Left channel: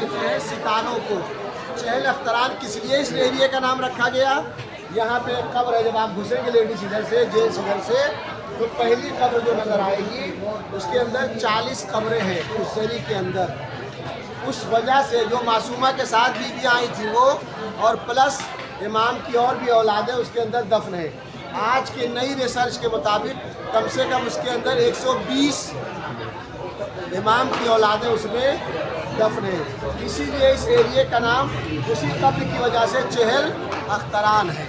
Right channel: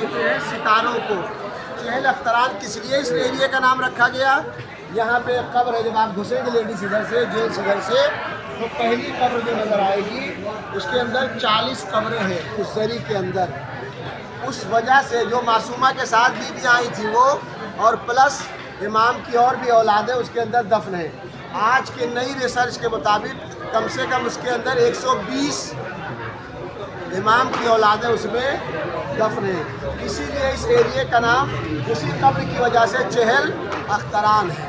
کہتے ہیں ستاروں کو۔ چہل اختران کس لیے اس ایریے کا نام رکھا گیا؟ یہاں پہ ایک قبر ہے، جب آپ گھسیں گے لیڈیز ادھر سے، جینٹس ادھر سے، تو پہلی قبر جو نظر آئے گی اس کے اندر 40 قبریں ہیں اس زری کے اندر۔ اس وجہ سے جو معصومہ کے ساتھ بیویاں آئی تھیں وہ، اور پلس امام کی اور بھی اولادیں اس کے اندر دفن ہیں۔ آج کی نئی ریسرچ کے مطابق کم سے کم اس کے اندر 120 امام کی اولادیں اس میں دفن ہیں۔ اسی لیے اس ایریے کا نام اسی قبر کی وجہ سے چہل اختران ہے۔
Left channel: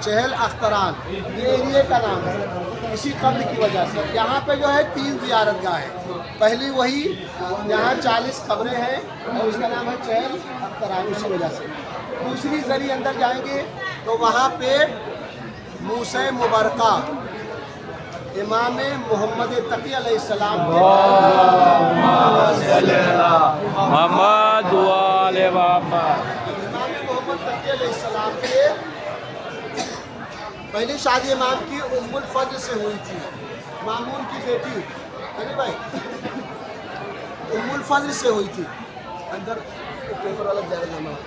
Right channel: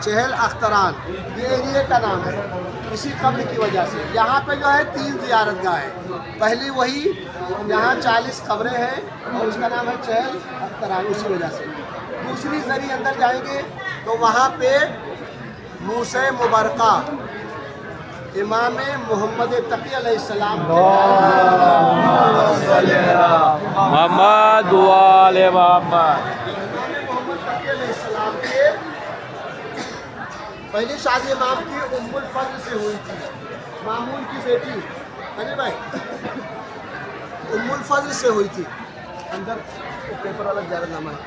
چہل اختران یہ ایریے کا نام ہے اسی قبر کی وجہ سے۔ یہاں پہ جو ہے 3 زیارت گاہ ہے۔ پہلی وہی، یہاں 40 قبریں ہیں اور اس کا نام ہے چہل اختران اسی وجہ سے۔ دوسری زری اندر جائیں گے تو وہاں پہ موسی مبرکہ امام محمد تقی علیہ السلام کے محمد والے محمد، امام محمد تقی علیہ السلام کے پہلی شادی امام کی ام الفضل سے ہوئی تھی، مامون کی بیٹی ارے بھائی ام الفضل سے ہوئی تھی۔ اندر پیپر والا زیارت نامہ ہے۔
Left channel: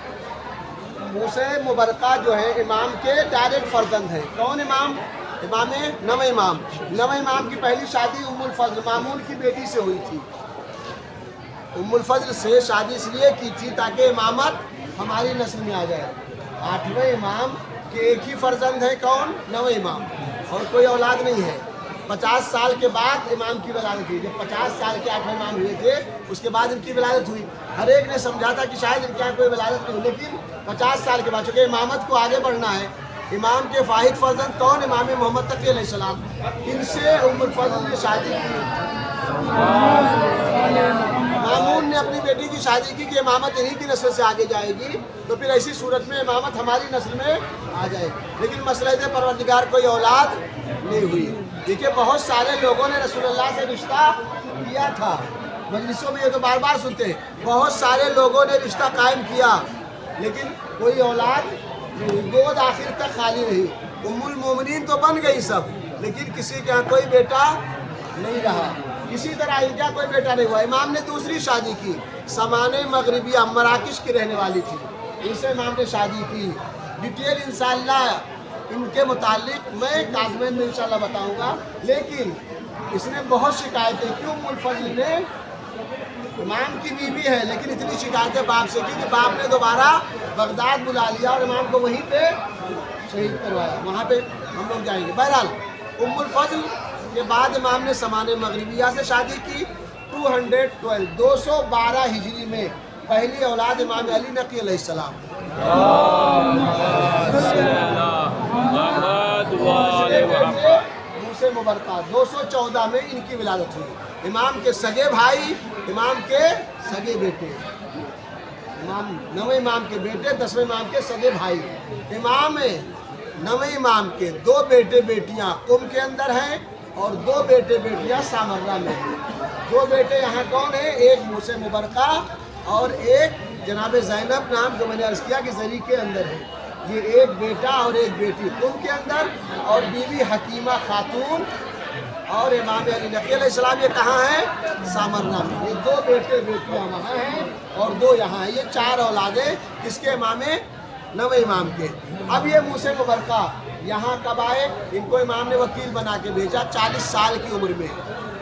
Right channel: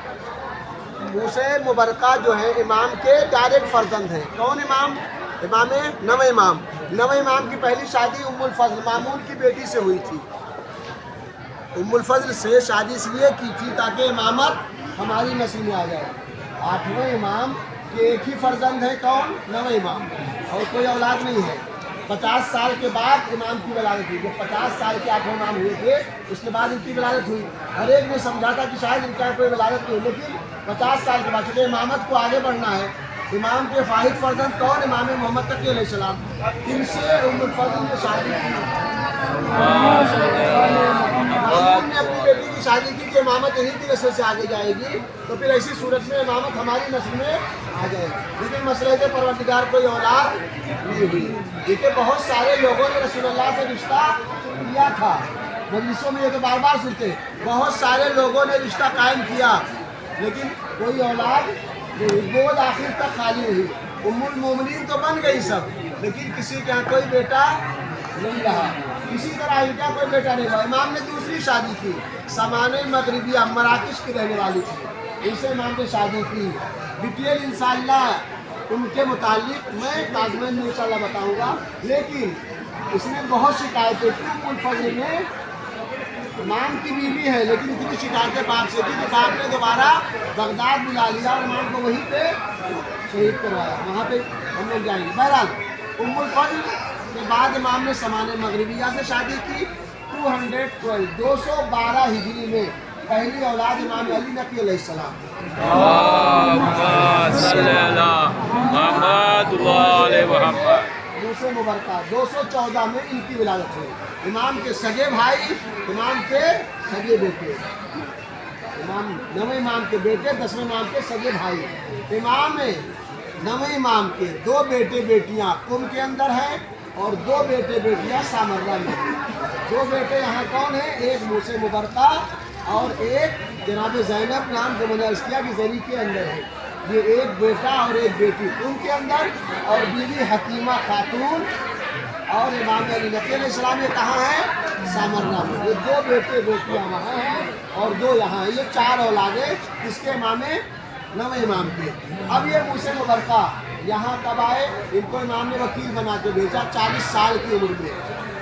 موسی مبرکہ جو ہے امام کے ڈائریکٹ فرزند ہیں۔ کون امام؟ امام نویں امام کی پہلی شادی ام الفضل مامون کی بیٹی سے ہوئی تھی۔ ام الفضل سے شادی اس لیے کی تھی تاکہ امامت ہماری نسل میں آ جائے۔ 8ویں امام کے ایک ہی فرزند ہے، کون؟ 9ویں امام، اور کوئی اولاد نہیں ہے۔ 50 سال کے بعد امام کی ولادت ہوئی۔ جب 50 سال کے 8 امام ہوئے تھے اس کے بعد ان کی ولادت ہوئی۔ ہر ایک نے سمجھا تھا کہ شاید ان کا کوئی ولادت نہیں ہوئی، لیکن 50 سال کے بعد چونکہ امامت کو آگے بڑھنا ہے۔ امام کے واحد فرزند کون؟ امام محمد تقی علیہ السلام۔ ان سے ام الفضل نے شادی کی۔ مامون نے اپنی بیٹی کی شادی کی کہ امامت انہی کی نسل سے آگے جائے گی، تو پھر ایسی صورت میں امامت ہماری نسل میں آ جائے گی۔ لیکن مسلحت پروردگار کوئی اولاد نہیں ہوئی۔ دیکھیے بہت سارے لوگوں نے رسول اللہ سے رشتہ کیا تھا، مجلسوں میں یہ تو بار بار سنتے ہیں، بہت سارے لوگوں نے رشتہ قائم کیا لیکن کوئی اولاد نہیں، گود آخر تک خالی رہی۔ ام المومنین تو بن گئی سب، لیکن کسی کے ہاں کوئی بیٹا نہیں رہا۔ اسی طرح ان کا کوئی بیٹا نہیں ہوا۔ امام نے دوسری شادی کی، سمانہ مغربیہ مراکش کی رہنے والی تھی، ان سے امام نے شادی کی۔ ڈیٹیل انشاءاللہ ان کے متعلق میں کاظمین میں انشاءاللہ بتاؤں گا، لیکن اس نے بہت شکایتیں کی۔ ام الفضل نے امام کی بیوی ہے لیکن اتنی شکایتیں باپ سے کی کہ باپ نے دوبارہ بغداد بلا لیا اور امام کو وہیں پہ شہید کروایا۔ وہاں پہ ہم لوگ جائیں گے۔ بہرحال ام الفضل کے بعد امام نے سمانہ مغربیہ سے شادی کی۔ 212 ہجری میں پہلی اولاد امام علی نقی علیہ السلام۔ محمد والے محمد، موسی مبرکہ 214 میں ان کی ولادت ہوئی۔ امام کے سگے بھائی، امام کے سگے بیٹے، امام 9ویں امام کے بیٹے، 10ویں امام کے سگے بھائی۔ امام 9ویں امام کے 2 بیٹے بیٹیاں قم کے اندر ہیں اور 2 بیٹے بیٹیاں سامرہ میں ہیں۔ 2 بیٹے یہاں کون ہیں؟ ایک موسی مبرکہ اور ایک جناب زینب نام جو میں نے عرض کیا کہ زری کے اندر ہے۔ یہ ایک بیٹا اور ایک بیٹی قم کے اندر، اور بیوی حکیمہ خاتون اور امام علی نقی علیہ السلام یہ کہاں ہیں؟ سامرہ میں۔ یہ 2 بیٹے بیٹیاں وہاں ہیں اور 2 یہاں ہیں۔ یہ 4 اولادیں کس کے؟ امام 9ویں امام کے۔ اب یہ موسی مبرکہ یہاں کب آئے؟ ان کو امام نے وکیل بنا کے بھیجا 40 سال کی عمر میں،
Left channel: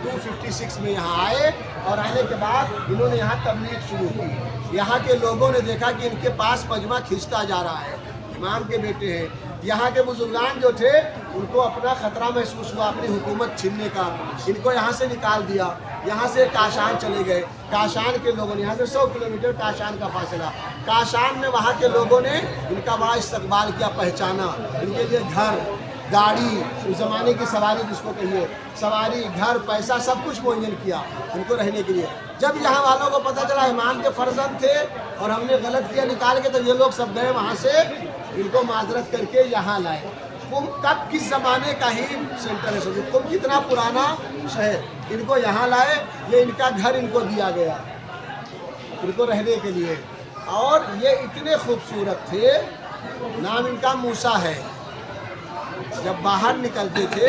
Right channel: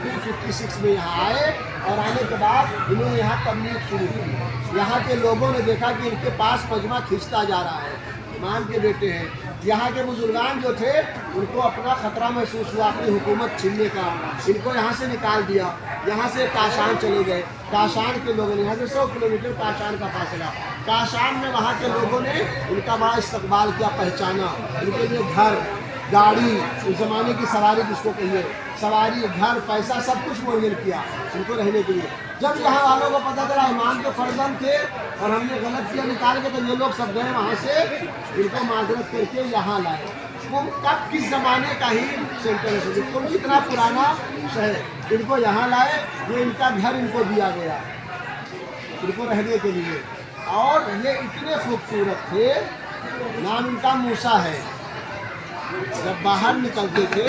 256 میں یہاں آئے، اور آنے کے بعد انہوں نے یہاں تبلیغ شروع کی۔ یہاں کے لوگوں نے دیکھا کہ ان کے پاس مجمع کھنچتا جا رہا ہے، امام کے بیٹے ہیں۔ یہاں کے بزرگان جو تھے ان کو اپنا خطرہ محسوس ہوا اپنی حکومت چھیننے کا، ان کو یہاں سے نکال دیا۔ یہاں سے کاشان چلے گئے۔ کاشان کے لوگوں نے، یہاں سے 100 کلومیٹر کاشان کا فاصلہ، کاشان میں وہاں کے لوگوں نے ان کا بڑا استقبال کیا، پہچانا، ان کے لیے گھر، گاڑی، اس زمانے کی سواری جس کو کہیے، سواری، گھر، پیسہ سب کچھ مہیا کیا ان کو رہنے کے لیے۔ جب یہاں والوں کو پتہ چلا امام کے فرزند تھے اور ہم نے غلط کیا نکال کے، تو یہ لوگ سب گئے وہاں سے ان کو معذرت کر کے یہاں لائے۔ قم کب کس زمانے کا ہی سینٹر ہے، قم کتنا پرانا شہر، ان کو یہاں لائے، یہ ان کا گھر ان کو دیا گیا ان کو رہنے کے لیے۔ اور یہ اتنے خوبصورت تھے، نام ان کا موسیٰ ہے۔ جب باہر نکلتے تھے